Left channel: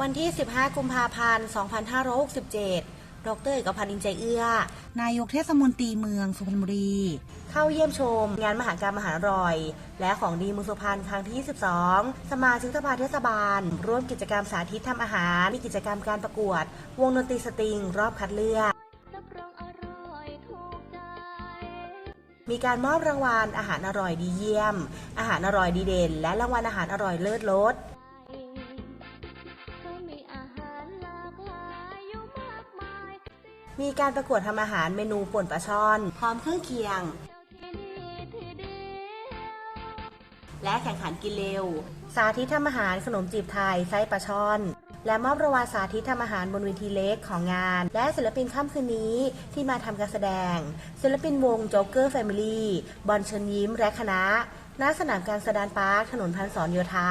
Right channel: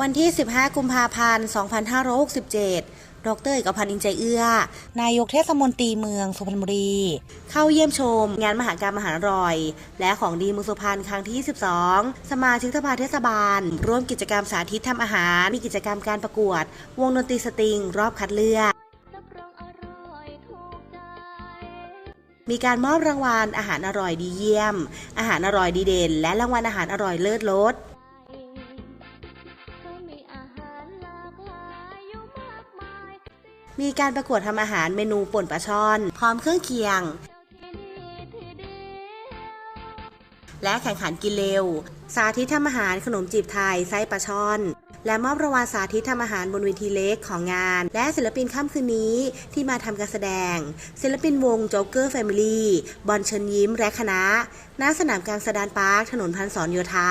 วันที่ 15 กุมภาพันธ์ 2567 ดรเอกพันธ์อินใจเอื้อ นายกเทศมนตรีเมืองสุพรรณบุรี เข้าเยี่ยมชม งานมหากรรมอาหารอร่อย และของดีเมืองสุพรรณครั้งที่ 22 สมาชิกสภาเทศบาล ร่วมกิจกรรมสาธิตทำอาหาร มีกิจกรรมการประกวด วงดนตรีสตริง รอบคัดเลือกรับรองอร่อยถูกใจมีการมอบรางวัลอาหารอร่อยดีเยี่ยม อาหารอร่อยดีเด่น และรางวัลอาหารอร่อยเลิศรส มีการประกวดทำอาหารเมนูป่นปลาช่อน พร้อมเครื่องเคียง และแข่งขันกินเร็ว สาธิตทำอาหารขนมจีบไทยไส้ปลาช่อน และมอบรางวัลสาธิตทำอาหารบนเวทีเล็กของงาน และศิลปินค่ำคืนนี้ที่มาทำการแสดง ศิลปินวงโจ๊กเกอร์แฟมิลี่บอลเชิญยิ้มและคณะณสนามกลางสะดานปาร์คถนนพันศรโยธา